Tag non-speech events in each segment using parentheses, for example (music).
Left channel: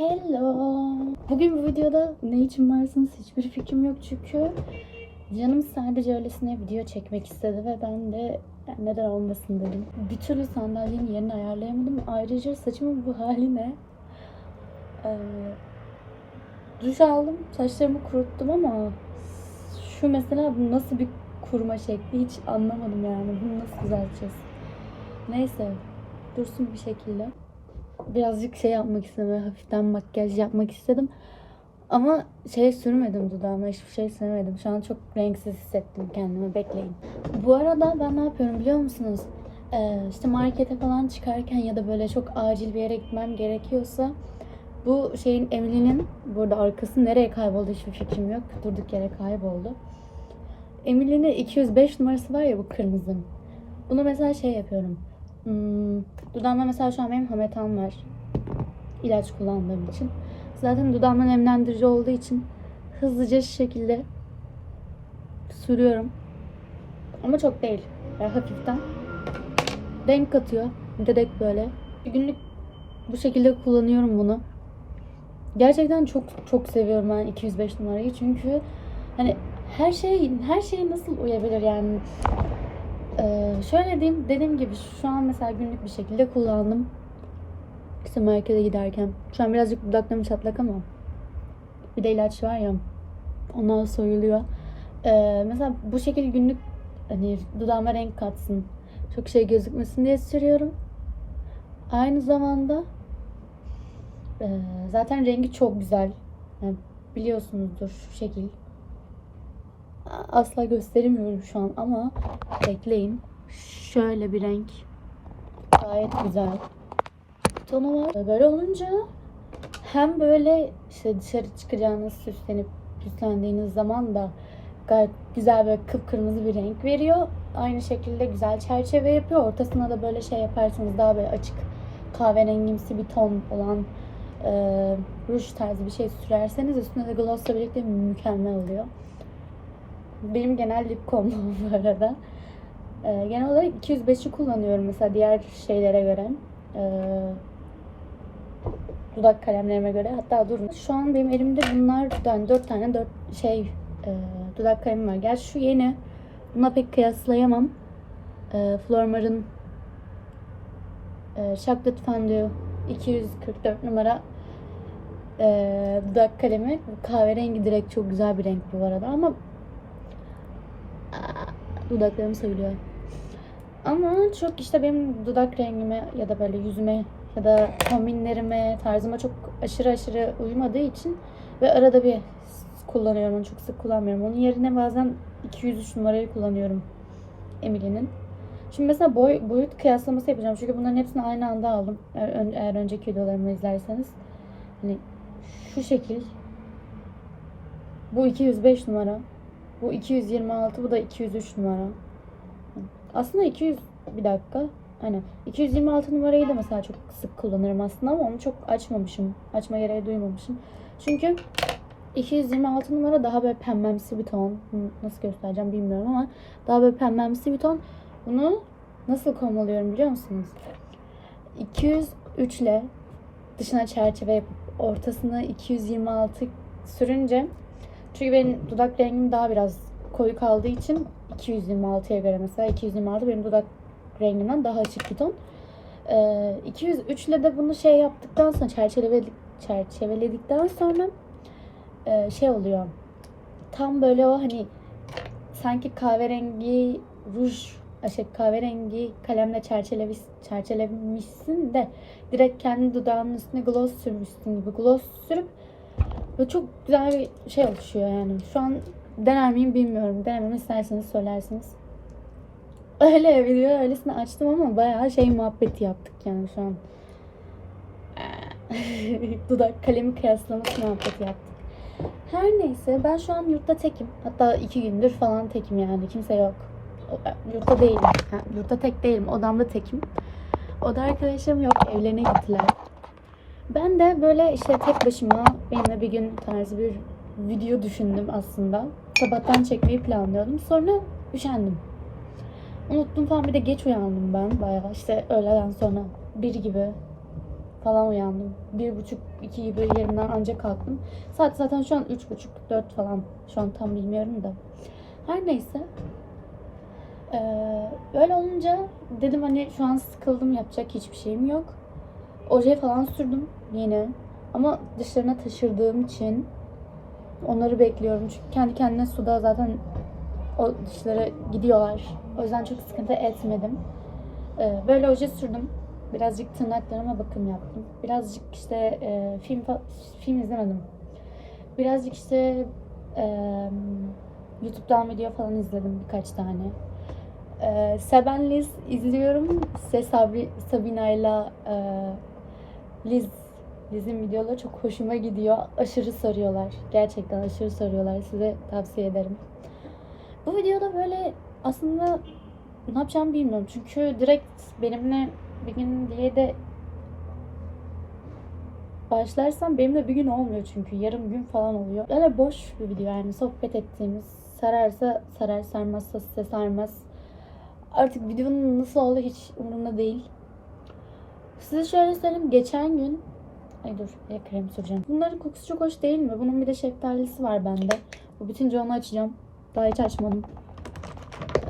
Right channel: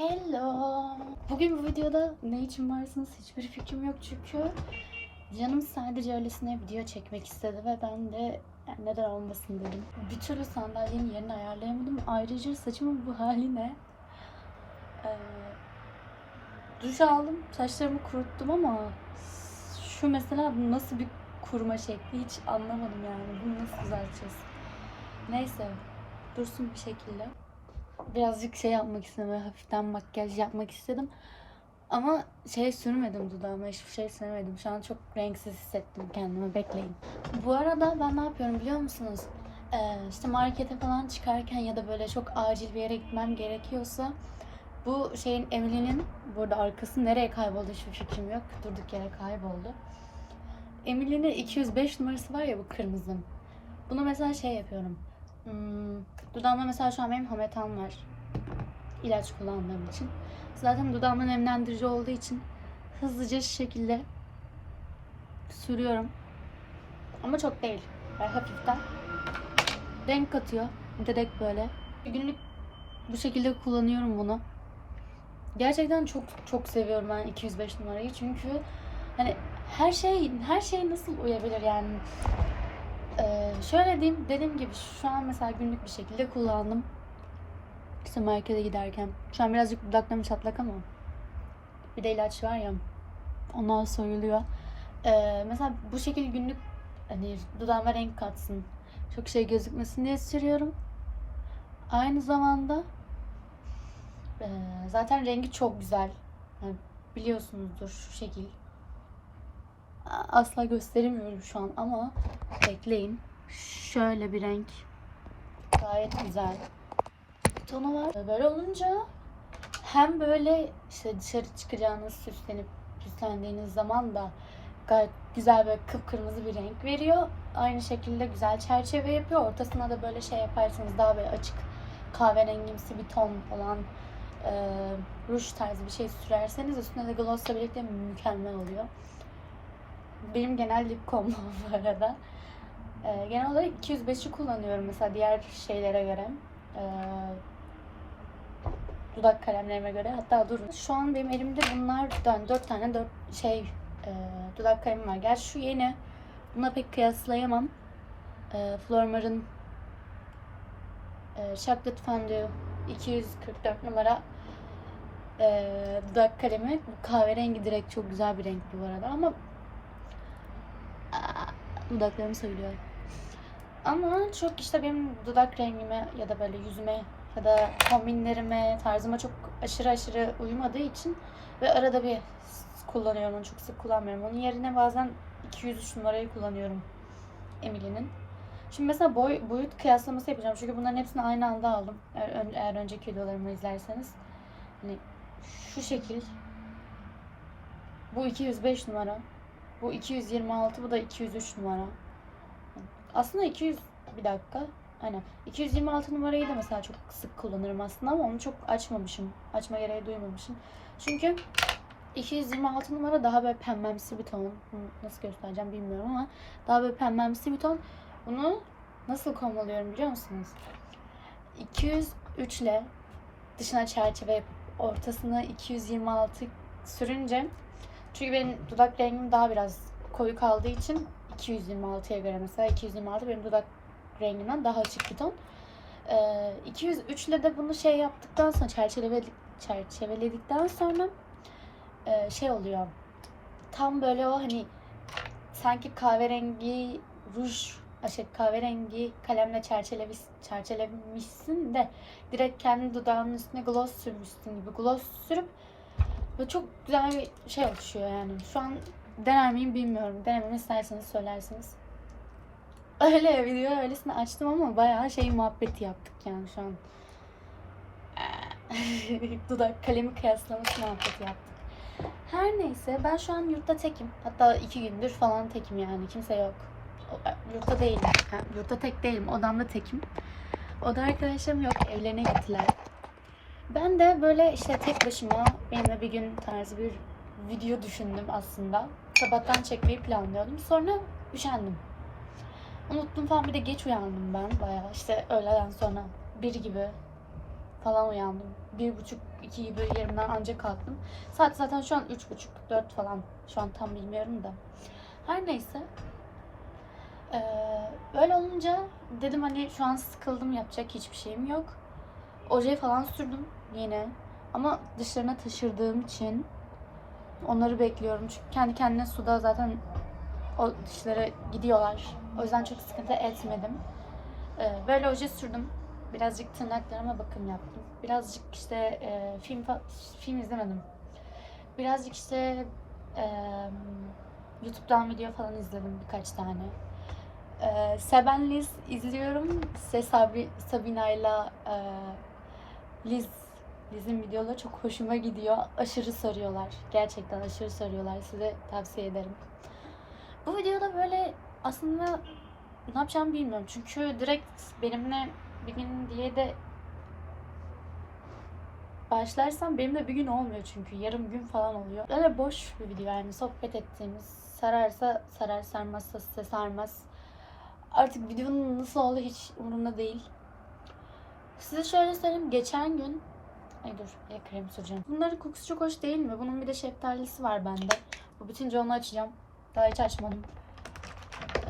Hello. Bugün bu videoda ne için varsınız hiçbir fikrim yok çünkü canım sadece öylesine video çekmek istedi ve ben de neden olmasın dedim. Bir türlü sandalyenin yerini ayarlayamadım. Ayrıca saçımın bu hali ne? Ee, duş aldım, saçlarımı kuruttum ama şu mesela bu nasıl bir kuruma şekli hiç anlamadım yani. Bunu nasıl düzelteceğiz? Neyse, dursun bir şekilde birazcık şey yapmak istedim. böyle Hafiften makyaj yapmak istedim. Ama şey sürmedim dudağıma. Hiçbir şey sürmedim. Şu an çok renksiz hissettim kendimi. Bekleyin. Bu arada ben ne yapıyorum biliyor musunuz? Ee, işte markete falan çıkarken ya da böyle çok acil bir yere gitmem gerekiyorsa bu şeyin Emily'nin burada arkası nereye kayboldu hiçbir fikrim yok. Durduk yere kayboldu. Emily'nin 205 numarası var ya bu kırmızı. Bunu mesela şey yapıyorum. Hmm, dudağımda mesela şu an benim hametan var. İlaç kullandığım için. Zaten dudağımda nemlendirici olduğu için hızlıca şu şekilde sürüyorum. Ama çok değil. Yani hafiften. Renk katıyor. Direkt böyle. Günlük bu şekilde kullanıyorum bunu. Gerçekten çok çok seviyorum ben 205 numarayı çünkü hani her şey her şey nasıl uyabilir yani ee, şöyle diyeyim, dediğim gibi şu an mesela günlük bir şekilde kullandım. İşte markete giderken. Şu an birazcık dudaklarım çatlak ama bir de ilaç var ya onlar soyuluyor. Ee, mesela bu şekilde günlük hani dudağıma renk katsın. Çok şey gözükmesin diye sürüyorum. Aynı zamanda e, zaten rengi çok güzel. Yani biliyorsunuzdur şu şekil. Asla gösteremiyorum şu an ama bekleyin. Şöyle bir renk. Gayet güzel. Tonu var. Böyle olunca hem böyle işte dışarı çıkacağınız süslenip süslendiğiniz zaman da gayet güzel böyle kıpkırmızı bir renk veriyor. Aynı şekilde güzel çerçeve yapıyor. Ortasına da böyle şey yaparsanız daha böyle açık kahverengimsi bir ton olan e, ruj tarzı bir şey sürerseniz üstüne de glossla birlikte mükemmel oluyor. Benim genel lip combo bu arada. Ee, genel olarak 205'i kullanıyorum mesela diğer şeylere göre. Ee, dudak kalemlerime göre. Hatta durun. Şu an benim elimde bunlardan 4 tane 4 şey e, dudak kalemim var. Gerçi şu yeni. Buna pek kıyaslayamam. E, Flormar'ın e, Chocolate Fondue 244 numara e, dudak kalemi. Bu kahverengi direkt çok güzel bir renk bu arada ama dudaklarım söylüyor. Ama çok işte benim dudak rengime ya da böyle yüzüme ya da kombinlerime, tarzıma çok aşırı aşırı uymadığı için ve arada bir kullanıyorum onu çok sık kullanmıyorum. Onun yerine bazen 203 numarayı kullanıyorum Emily'nin. Şimdi mesela boy, boyut kıyaslaması yapacağım. Çünkü bunların hepsini aynı anda aldım. Eğer, ön- eğer önceki videolarımı izlerseniz. Hani şu şekil. Bu 205 numara. Bu 226, bu da 203 numara. Aslında 200 bir dakika. Aynen. 226 numarayı da mesela çok sık kullanırım aslında ama onu çok açmamışım. Açma gereği duymamışım. Çünkü 226 numara daha böyle pembemsi bir ton. Nasıl göstereceğim bilmiyorum ama daha böyle pembemsi bir ton. Bunu nasıl komalıyorum biliyor musunuz? 203 ile dışına çerçeve yapıp ortasına 226 sürünce çünkü benim dudak rengim daha biraz koyu kaldığı için 226'ya göre mesela 226 benim dudak rengimden daha açık bir ton. Ee, 203 ile de bunu şey yaptıktan sonra çerçeveledik, çerçeveledikten sonra e, şey oluyor. Tam böyle o hani sanki kahverengi ruj şey kahverengi kalemle çerçelemiş, çerçelemişsin de direkt kendi dudağının üstüne gloss sürmüşsün gibi gloss sürüp Böyle çok güzel bir şey oluşuyor yani. Şu an dener miyim bilmiyorum. Denememi isterseniz söylersiniz. Öyle video öylesine açtım ama bayağı şey muhabbeti yaptık yani şu an. (laughs) Dudak kalemi kıyaslaması muhabbeti yaptık. Her neyse ben şu an yurtta tekim. Hatta iki gündür falan tekim yani. Kimse yok. E, Yurtta değilim. Ha, Yurtta tek değilim. Odamda tekim. Oda arkadaşlarım yok. Evlerine gittiler. Ben de böyle işte tek başıma benimle bir gün tarzı bir video düşündüm aslında. Sabahtan çekmeyi planlıyordum. Sonra üşendim. Unuttum falan bir de geç uyandım ben bayağı işte öğleden sonra bir gibi falan uyandım. Bir buçuk, iki gibi yerimden ancak kalktım. Saat zaten şu an üç buçuk, dört falan. Şu an tam bilmiyorum da. Her neyse. Ee, böyle olunca dedim hani şu an sıkıldım yapacak hiçbir şeyim yok. Oje falan sürdüm yine. Ama dışlarına taşırdığım için onları bekliyorum. Çünkü kendi kendine suda zaten o dışlara gidiyorlar. O yüzden çok sıkıntı etmedim. Ee, böyle oje sürdüm. Birazcık tırnaklarıma bakım yaptım. Birazcık işte e, film film izlemedim. Birazcık işte e, YouTube'dan video falan izledim birkaç tane. Ee, Seben Liz izliyorum. Size Sabri, Sabina'yla e, Liz Liz'in videoları çok hoşuma gidiyor. Aşırı sarıyorlar. Gerçekten aşırı sarıyorlar. Size tavsiye ederim. Bu videoda böyle aslında ne yapacağımı bilmiyorum. Çünkü direkt benimle bir gün diye de başlarsam benimle bir gün olmuyor çünkü. Yarım gün falan oluyor. Böyle boş bir video yani sohbet ettiğimiz. Sararsa sarar, sarmazsa size sarmaz. Artık videonun nasıl olduğu hiç umurumda değil. Size şöyle söyleyeyim. Geçen gün Ay dur ya krem süreceğim. Bunların kokusu çok hoş değil mi? Bunun bir de şeftalisi var bende. Bu bitince onu açacağım. Daha hiç açmadım.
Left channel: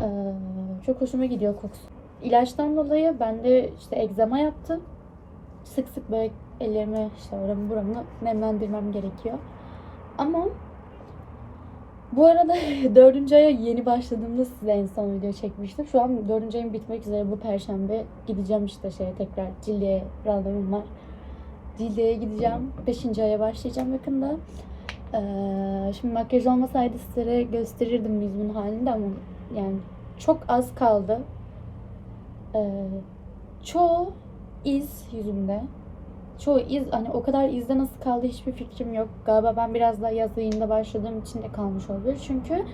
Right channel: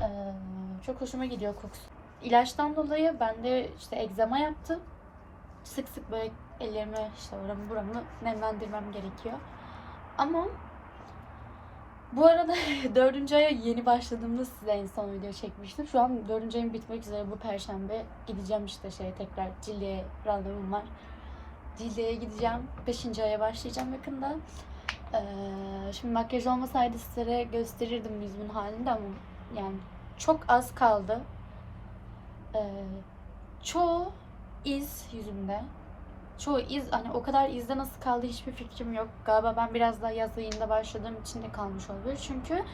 Ee, çok hoşuma gidiyor kokusu. İlaçtan dolayı bende işte egzama yaptı. Sık sık böyle ellerimi işte oramı buramı nemlendirmem gerekiyor. Ama bu arada (laughs) dördüncü aya yeni başladığımda size en son video çekmiştim. Şu an dördüncü ayım bitmek üzere bu perşembe gideceğim işte şeye tekrar Cildiye randevum var. Cildiye'ye gideceğim. Beşinci aya başlayacağım yakında. Ee, şimdi makyaj olmasaydı sizlere gösterirdim yüzümün halini ama yani çok az kaldı. Ee, çoğu iz yüzümde. Çoğu iz hani o kadar izde nasıl kaldı hiçbir fikrim yok. Galiba ben biraz daha yaz ayında başladığım için de kalmış olabilir. Çünkü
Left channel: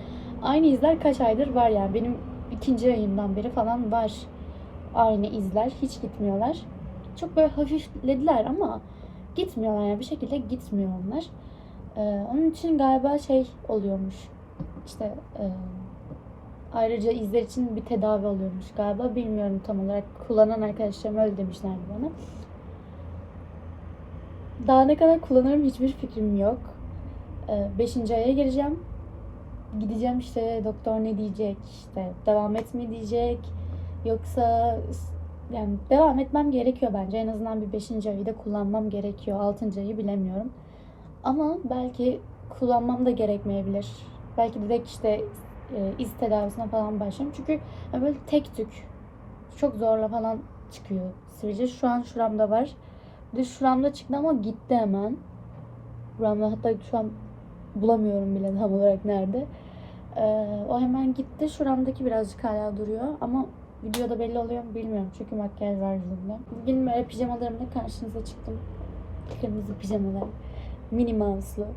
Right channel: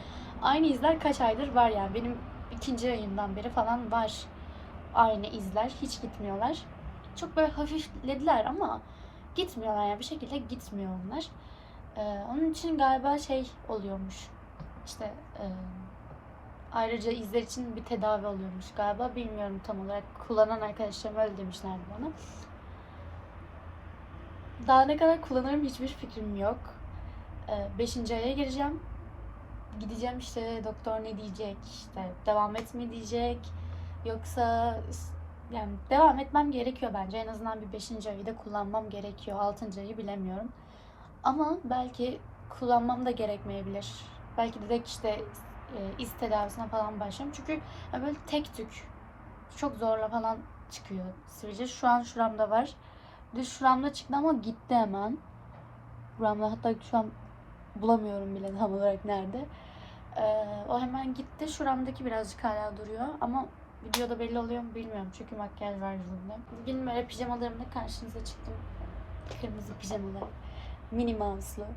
aynı izler kaç aydır var yani. Benim ikinci ayımdan beri falan var aynı izler. Hiç gitmiyorlar. Çok böyle hafiflediler ama gitmiyorlar yani bir şekilde gitmiyor onlar. Ee, onun için galiba şey oluyormuş. İşte e, ayrıca izler için bir tedavi oluyormuş galiba. Bilmiyorum tam olarak. Kullanan arkadaşlarım öyle demişlerdi bana. Daha ne kadar kullanırım hiçbir fikrim yok. Ee, beşinci aya gireceğim. Gideceğim işte doktor ne diyecek, işte devam et mi diyecek, yoksa yani devam etmem gerekiyor bence. En azından bir beşinci ayı da kullanmam gerekiyor. Altıncı ayı bilemiyorum. Ama belki kullanmam da gerekmeyebilir. Belki direkt işte e, iz tedavisine falan başlarım. Çünkü böyle tek tük çok zorla falan çıkıyor sivilce. Şu an şuramda var. De şuramda çıktı ama gitti hemen. Buramda hatta şu an bulamıyorum bile tam olarak nerede. Ee, o hemen gitti. Şuramdaki birazcık hala duruyor ama videoda belli oluyor mu bilmiyorum. Çünkü makyaj var yüzümde. Bugün böyle pijamalarımla karşınıza çıktım. Kırmızı pijamalar. Minnie Mouse'lu.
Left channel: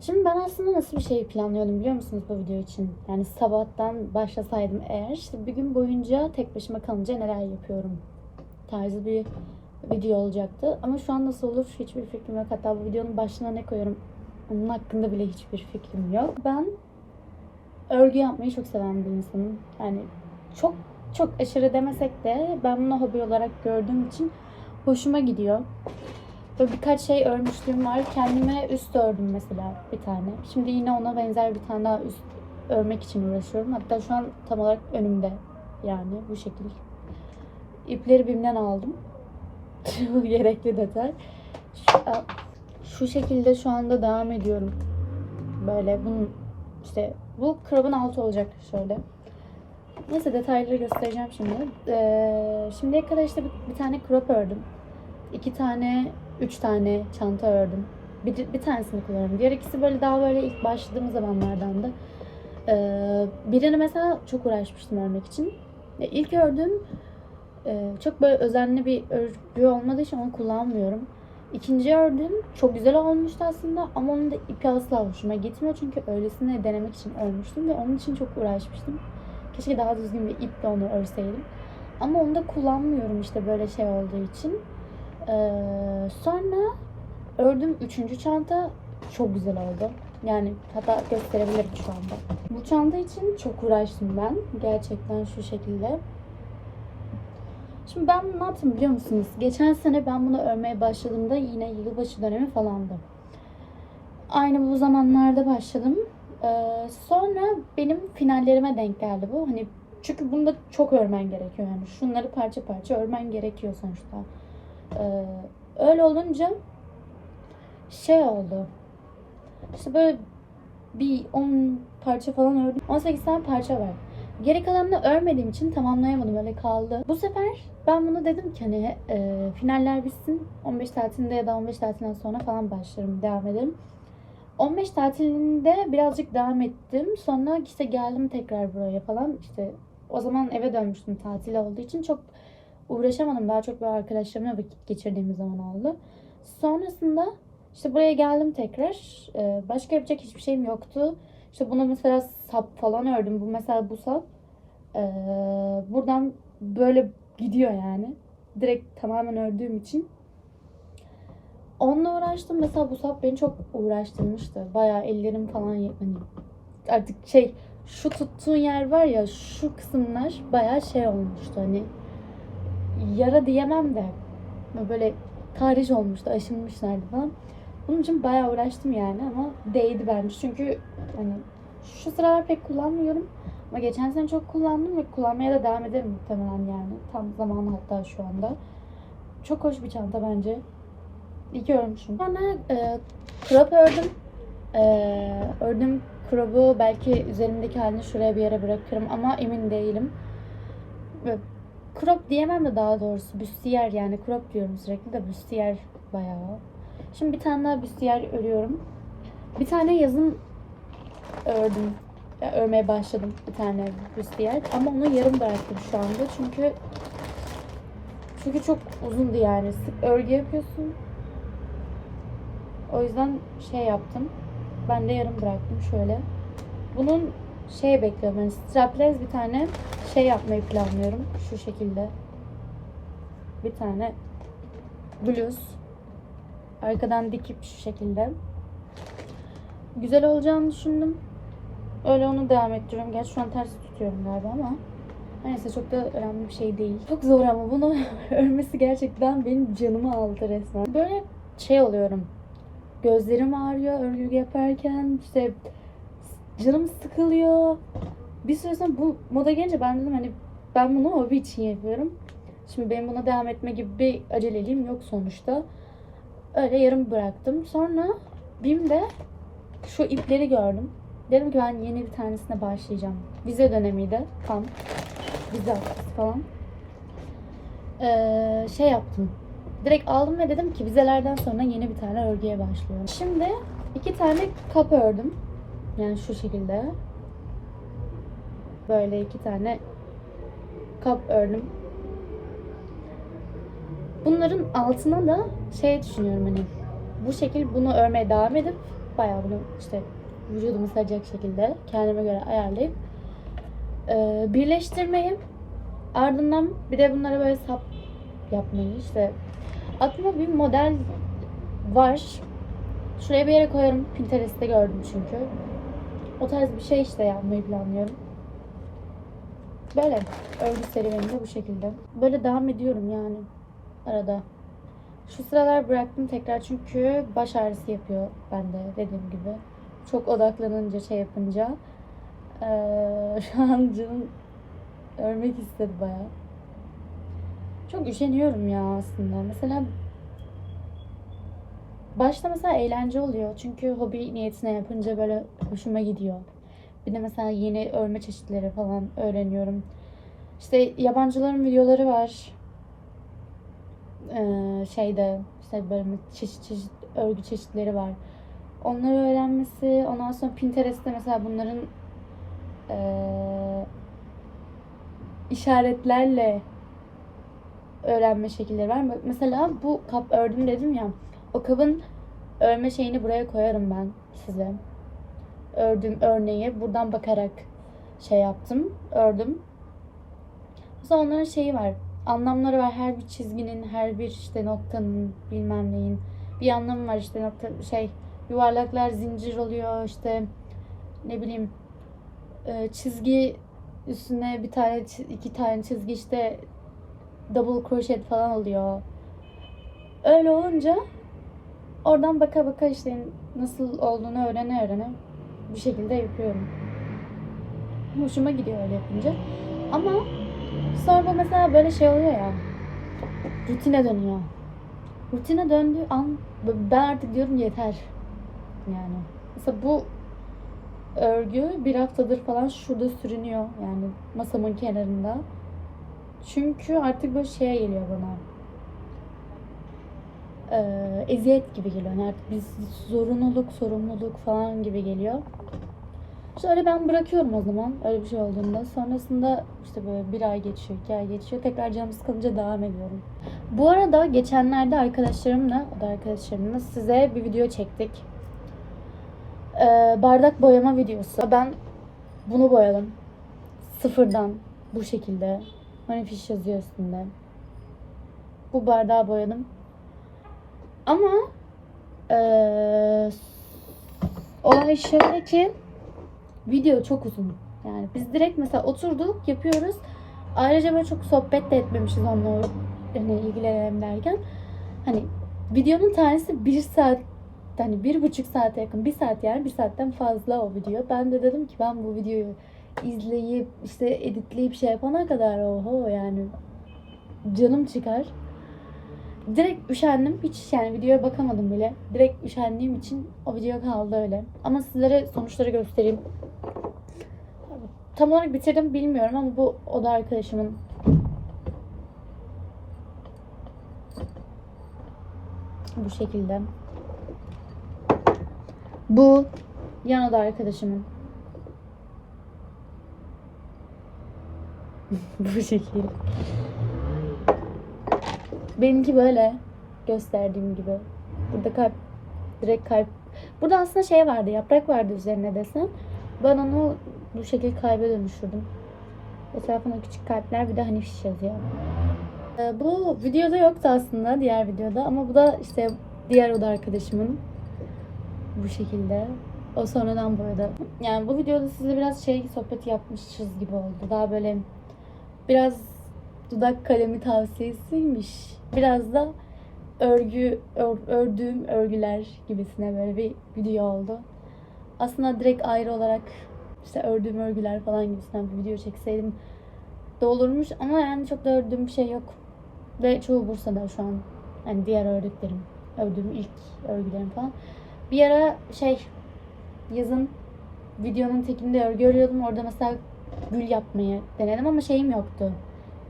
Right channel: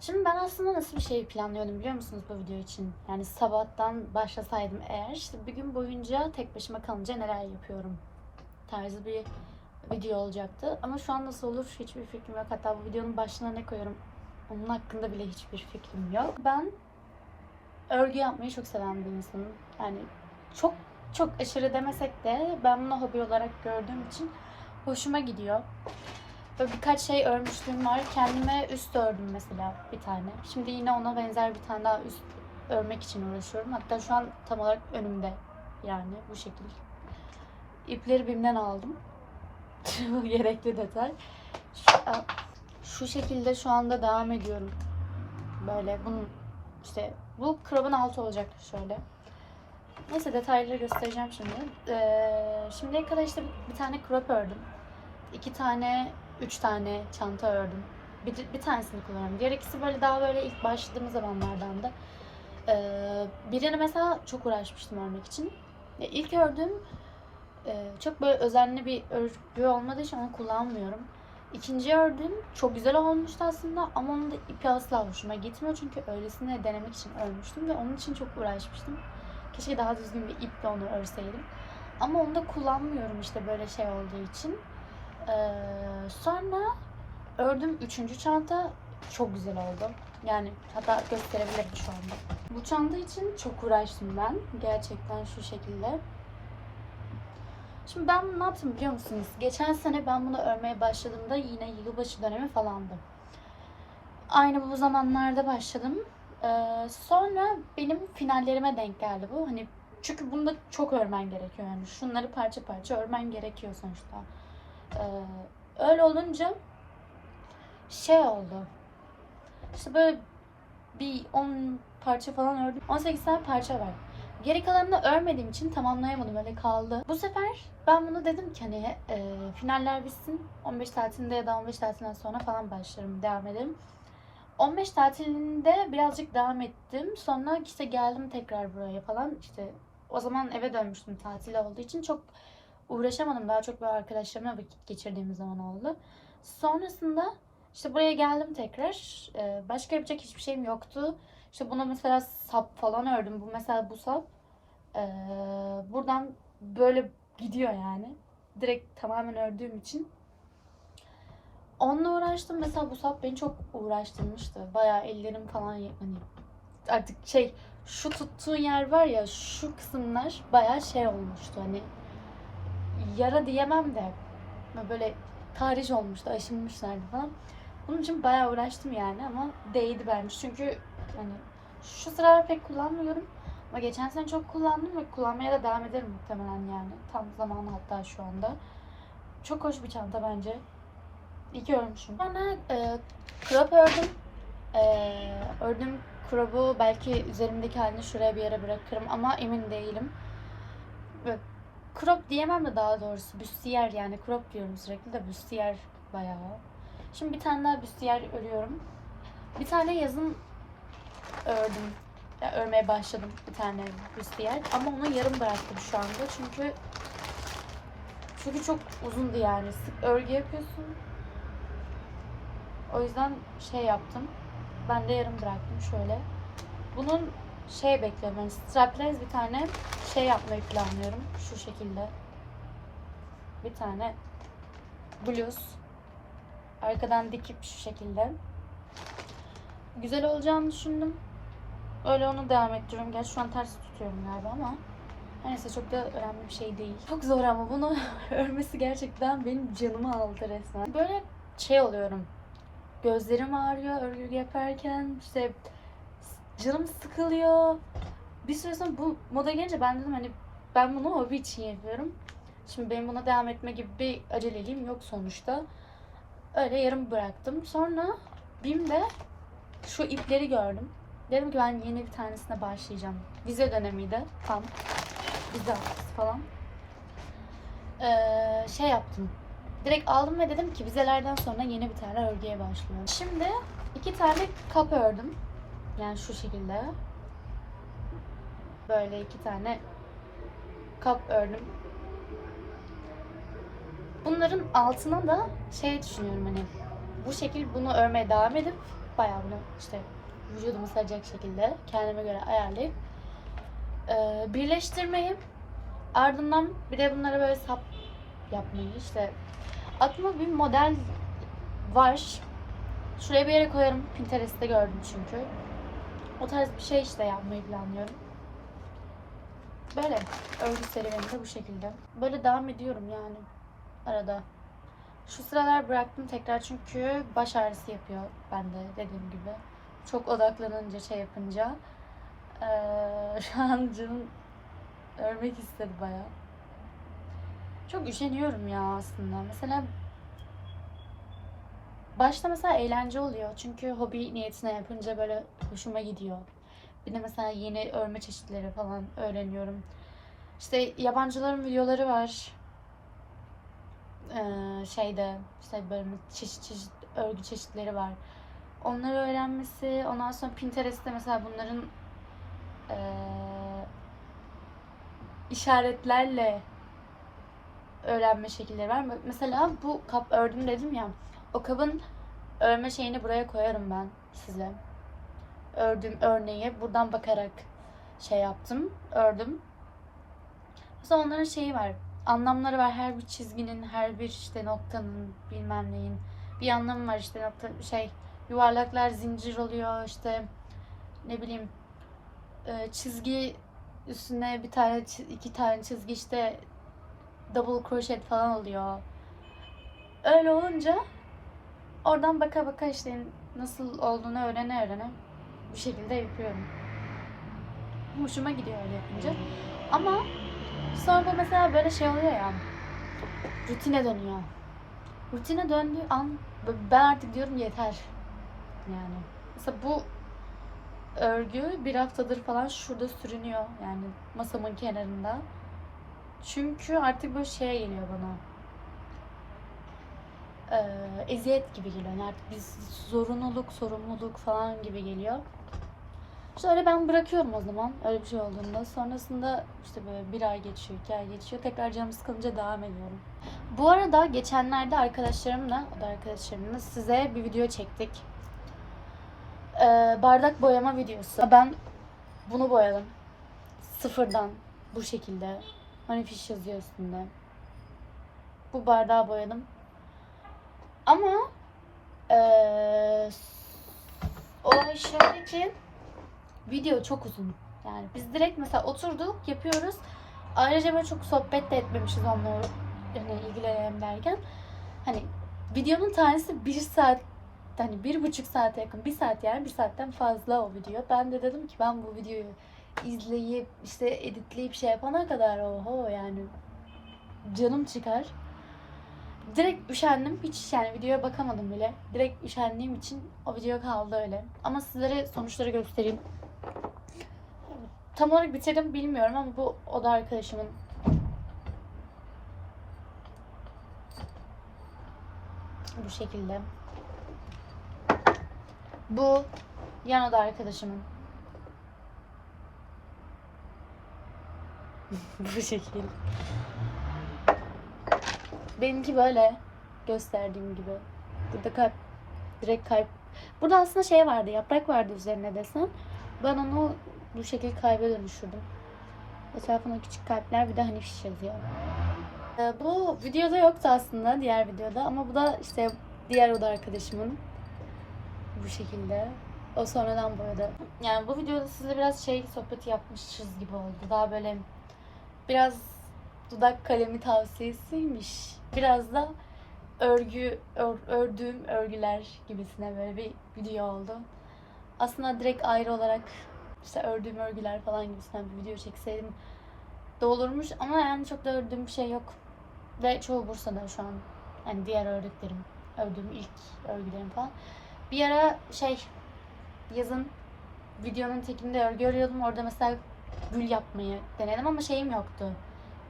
Şimdi ben aslında nasıl bir şey planlıyordum biliyor musunuz bu video için? Yani sabahtan başlasaydım eğer işte bir gün boyunca tek başıma kalınca neler yapıyorum tarzı bir video olacaktı. Ama şu an nasıl olur hiçbir fikrim yok. Hatta bu videonun başına ne koyuyorum onun hakkında bile hiçbir fikrim yok. Ben örgü yapmayı çok seven bir insanım. Yani çok çok aşırı demesek de ben bunu hobi olarak gördüğüm için hoşuma gidiyor. Böyle birkaç şey örmüşlüğüm var. Kendime üst ördüm mesela bir tane. Şimdi yine ona benzer bir tane daha üst örmek için uğraşıyorum. Hatta şu an tam olarak önümde. Yani bu şekil. İpleri BİM'den aldım. (laughs) Gerekli detay. Şu, şekilde şu anda devam ediyorum. Böyle bunun işte bu krabın altı olacak şöyle. Neyse detayları göstereceğim şimdi. Ee, şimdiye kadar işte bir, bir tane crop ördüm. İki tane, üç tane çanta ördüm. Bir, bir tanesini kullanıyorum. Diğer ikisi böyle daha böyle ilk başladığım zamanlardan da. Ee, birini mesela çok uğraşmıştım örmek için. Ya ilk ördüğüm e, çok böyle özenli bir örgü olmadığı için onu kullanmıyorum. İkinci ördüğüm çok güzel olmuştu aslında ama onun da ipi asla hoşuma gitmiyor. Çünkü öylesine denemek için örmüştüm ve onun için çok uğraşmıştım. Keşke daha düzgün bir iple onu örseydim. Ama onu da kullanmıyorum işte böyle şey olduğu için. Ee, sonra ördüm üçüncü çanta çok güzel oldu. Yani hatta gösterebilirim şu anda. Bu çanta için çok uğraştım ben. Gerçekten şu şekilde. Şimdi ben ne yaptım biliyor musunuz? Geçen sene ben bunu örmeye başladığımda yine yılbaşı dönemi falandı. Aynı bu zamanlarda başladım. Ee, sonra benim finallerime denk geldi bu. Hani çünkü bunda çok örmen gerekiyor yani. Şunları parça parça örmen gerekiyor sonuçta. Ee, öyle olunca şey oldu. İşte böyle bir 10 parça falan ördüm. 18 tane parça var. Geri kalanını örmediğim için tamamlayamadım öyle kaldı. Bu sefer ben bunu dedim ki hani e, finaller bitsin 15 tatilinde ya da 15 tatilinden sonra falan başlarım devam ederim. 15 tatilinde birazcık devam ettim. Sonra işte geldim tekrar buraya falan. İşte o zaman eve dönmüştüm tatil olduğu için çok uğraşamadım. Daha çok böyle arkadaşlarımla vakit geçirdiğimiz zaman oldu. Sonrasında işte buraya geldim tekrar. Ee, başka yapacak hiçbir şeyim yoktu. İşte bunu mesela sap falan ördüm. Bu mesela bu sap. Ee, buradan böyle gidiyor yani. Direkt tamamen ördüğüm için. Onunla uğraştım. Mesela bu sap beni çok uğraştırmıştı. Bayağı ellerim falan hani artık şey şu tuttuğun yer var ya şu kısımlar bayağı şey olmuştu hani yara diyemem de böyle tarih olmuştu aşınmışlardı falan. Bunun için bayağı uğraştım yani ama değdi bence çünkü hani şu sıralar pek kullanmıyorum ama geçen sene çok kullandım ve kullanmaya da devam ederim muhtemelen yani tam zamanı hatta şu anda. Çok hoş bir çanta bence. İyi ki örmüşüm. Sonra e, crop ördüm. E, ördüm crop'u belki üzerimdeki halini şuraya bir yere bırakırım ama emin değilim. Ve crop diyemem de daha doğrusu büstiyer yani crop diyorum sürekli de büstiyer bayağı. Şimdi bir tane daha büstiyer örüyorum. Bir tane yazın ördüm. Ya, örmeye başladım bir tane büstiyer ama onu yarım bıraktım şu anda çünkü çünkü çok uzundu yani. Sık örgü yapıyorsun. O yüzden şey yaptım. Ben de yarım bıraktım şöyle. Bunun şey bekliyorum. Yani strapless bir tane şey yapmayı planlıyorum. Şu şekilde. Bir tane bluz. Arkadan dikip şu şekilde. Güzel olacağını düşündüm. Öyle onu devam ettiriyorum. Gerçi şu an ters tutuyorum galiba ama. Neyse çok da önemli bir şey değil. Çok zor ama bunu (laughs) örmesi gerçekten benim canımı aldı resmen. Böyle şey oluyorum. Gözlerim ağrıyor örgü yaparken. işte canım sıkılıyor. Bir süre sonra bu moda gelince ben dedim hani ben bunu hobi için yapıyorum. Şimdi benim buna devam etme gibi bir aceleliğim yok sonuçta. Öyle yarım bıraktım. Sonra BİM'de şu ipleri gördüm. Dedim ki ben yeni bir tanesine başlayacağım. Vize dönemiydi tam. Vize falan. Ee, şey yaptım. Direkt aldım ve dedim ki vizelerden sonra yeni bir tane örgüye başlıyorum. Şimdi iki tane kap ördüm. Yani şu şekilde. Böyle iki tane kap ördüm. Bunların altına da şey düşünüyorum hani bu şekil bunu örmeye devam edip bayağı bunu işte vücudumu saracak şekilde kendime göre ayarlayıp e, birleştirmeyi ardından bir de bunlara böyle sap yapmayı işte aklıma bir model var. Şuraya bir yere koyarım. Pinterest'te gördüm çünkü. O tarz bir şey işte yapmayı planlıyorum. Böyle örgü serüveni bu şekilde. Böyle devam ediyorum yani arada. Şu sıralar bıraktım tekrar çünkü baş ağrısı yapıyor bende dediğim gibi. Çok odaklanınca şey yapınca. Ee, (laughs) şu an canım örmek istedi bayağı. Çok üşeniyorum ya aslında. Mesela başta mesela eğlence oluyor. Çünkü hobi niyetine yapınca böyle hoşuma gidiyor. Bir de mesela yeni örme çeşitleri falan öğreniyorum. İşte yabancıların videoları var. Ee, şeyde işte böyle çeşit çeşit örgü çeşitleri var. Onları öğrenmesi, ondan sonra Pinterest'te mesela bunların ee, işaretlerle öğrenme şekilleri var. Mesela bu kap ördüm dedim ya. O kabın örme şeyini buraya koyarım ben size. Ördüğüm örneği buradan bakarak şey yaptım, ördüm. Mesela onların şeyi var. Anlamları var. Her bir çizginin, her bir işte noktanın, bilmem neyin bir anlamı var işte nokta şey yuvarlaklar zincir oluyor işte ne bileyim e, çizgi üstüne bir tane iki tane çizgi işte double crochet falan oluyor. Öyle olunca oradan baka baka işte nasıl olduğunu öğrene öğrene bir şekilde yapıyorum. Hoşuma gidiyor öyle yapınca. Ama sonra bu mesela böyle şey oluyor ya. Rutine dönüyor. Rutine döndüğü an ben artık diyorum yeter. Yani. Mesela bu örgü bir haftadır falan şurada sürünüyor. Yani masamın kenarında. Çünkü artık böyle şeye geliyor bana. Ee, eziyet gibi geliyor. Yani artık biz zorunluluk, sorumluluk falan gibi geliyor. İşte öyle ben bırakıyorum o zaman öyle bir şey olduğunda. Sonrasında işte böyle bir ay geçiyor, iki ay geçiyor. Tekrar canım sıkılınca devam ediyorum. Bu arada geçenlerde arkadaşlarımla, o da arkadaşlarımla size bir video çektik. Ee, bardak boyama videosu. Ben bunu boyadım. Sıfırdan bu şekilde. Hani fiş yazıyor üstünde. Bu bardağı boyadım. Ama ee, olay şöyle ki video çok uzun. Yani biz direkt mesela oturduk yapıyoruz. Ayrıca böyle çok sohbet de etmemişiz onunla yani ilgilenelim derken. Hani videonun tanesi bir saat hani bir buçuk saate yakın bir saat yani bir saatten fazla o video. Ben de dedim ki ben bu videoyu izleyip işte editleyip şey yapana kadar oho yani canım çıkar. Direkt üşendim. Hiç yani videoya bakamadım bile. Direkt üşendiğim için o video kaldı öyle. Ama sizlere sonuçları göstereyim. Tam olarak bitirdim bilmiyorum ama bu oda arkadaşımın bu şekilde. Bu yan oda arkadaşımın. (laughs) bu şekil. Benimki böyle gösterdiğim gibi. Burada kalp direkt kalp. Burada aslında şey vardı, yaprak vardı üzerine desem. Ben onu bu şekilde kalbe dönüştürdüm. Etrafına küçük kalpler bir de hani fiş yazıyor. Ee, bu videoda yoktu aslında diğer videoda ama bu da işte diğer oda arkadaşımın bu şekilde. O sonradan boyadı. Yani bu videoda size biraz şey sohbeti yapmışız gibi oldu. Daha böyle biraz dudak kalemi tavsiyesiymiş. Biraz da örgü ör- ördüğüm örgüler gibisine böyle bir video oldu. Aslında direkt ayrı olarak işte ördüğüm örgüler falan gibisinden bir video çekseydim de olurmuş ama yani çok da ördüğüm bir şey yok. Ve çoğu Bursa'da şu an. Yani diğer ördüklerim. Ördüğüm ilk örgülerim falan. Bir ara şey yazın videonun tekinde örgü örüyordum. Orada mesela gül yapmayı denedim ama şeyim yoktu.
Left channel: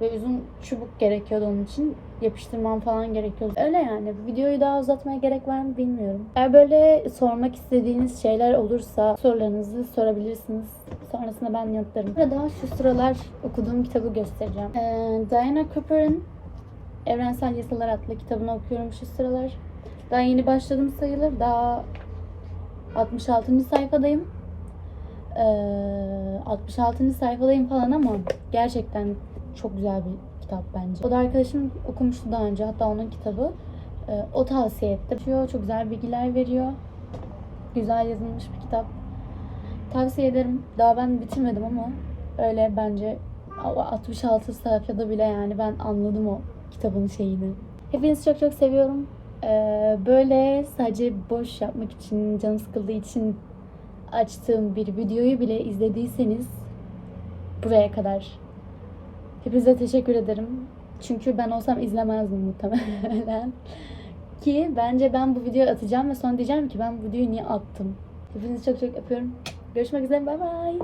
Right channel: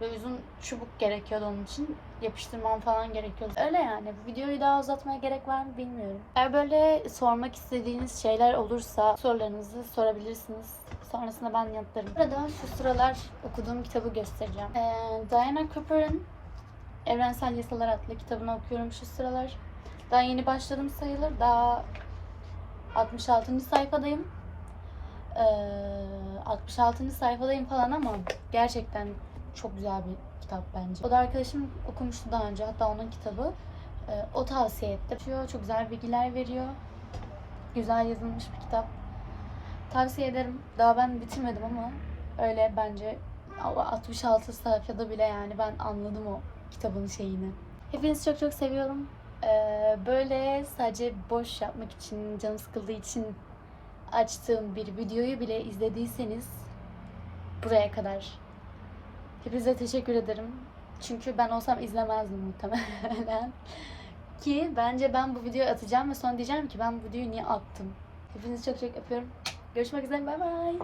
Ve uzun çubuk gerekiyordu onun için. Yapıştırmam falan gerekiyordu. Öyle yani. Videoyu daha uzatmaya gerek var mı bilmiyorum. Eğer böyle sormak istediğiniz şeyler olursa sorularınızı sorabilirsiniz. Sonrasında ben yanıtlarım. Burada şu sıralar okuduğum kitabı göstereceğim. Ee, Diana Cooper'ın Evrensel Yasalar adlı kitabını okuyorum şu sıralar. Daha yeni başladım sayılır. Daha 66. sayfadayım. Ee, 66. sayfadayım falan ama gerçekten çok güzel bir kitap bence. O da arkadaşım okumuştu daha önce. Hatta onun kitabı. Ee, o tavsiye etti. Çok güzel bilgiler veriyor. Güzel yazılmış bir kitap. Tavsiye ederim. Daha ben bitirmedim ama öyle bence 66 sayfada bile yani ben anladım o kitabın şeyini. Hepinizi çok çok seviyorum. Ee, böyle sadece boş yapmak için, canım sıkıldığı için açtığım bir videoyu bile izlediyseniz buraya kadar Hepinize teşekkür ederim. Çünkü ben olsam izlemezdim muhtemelen. (laughs) Ki bence ben bu videoyu atacağım ve sonra diyeceğim ki ben bu videoyu niye attım. Hepinizi çok çok öpüyorum. Görüşmek üzere. Bay bay.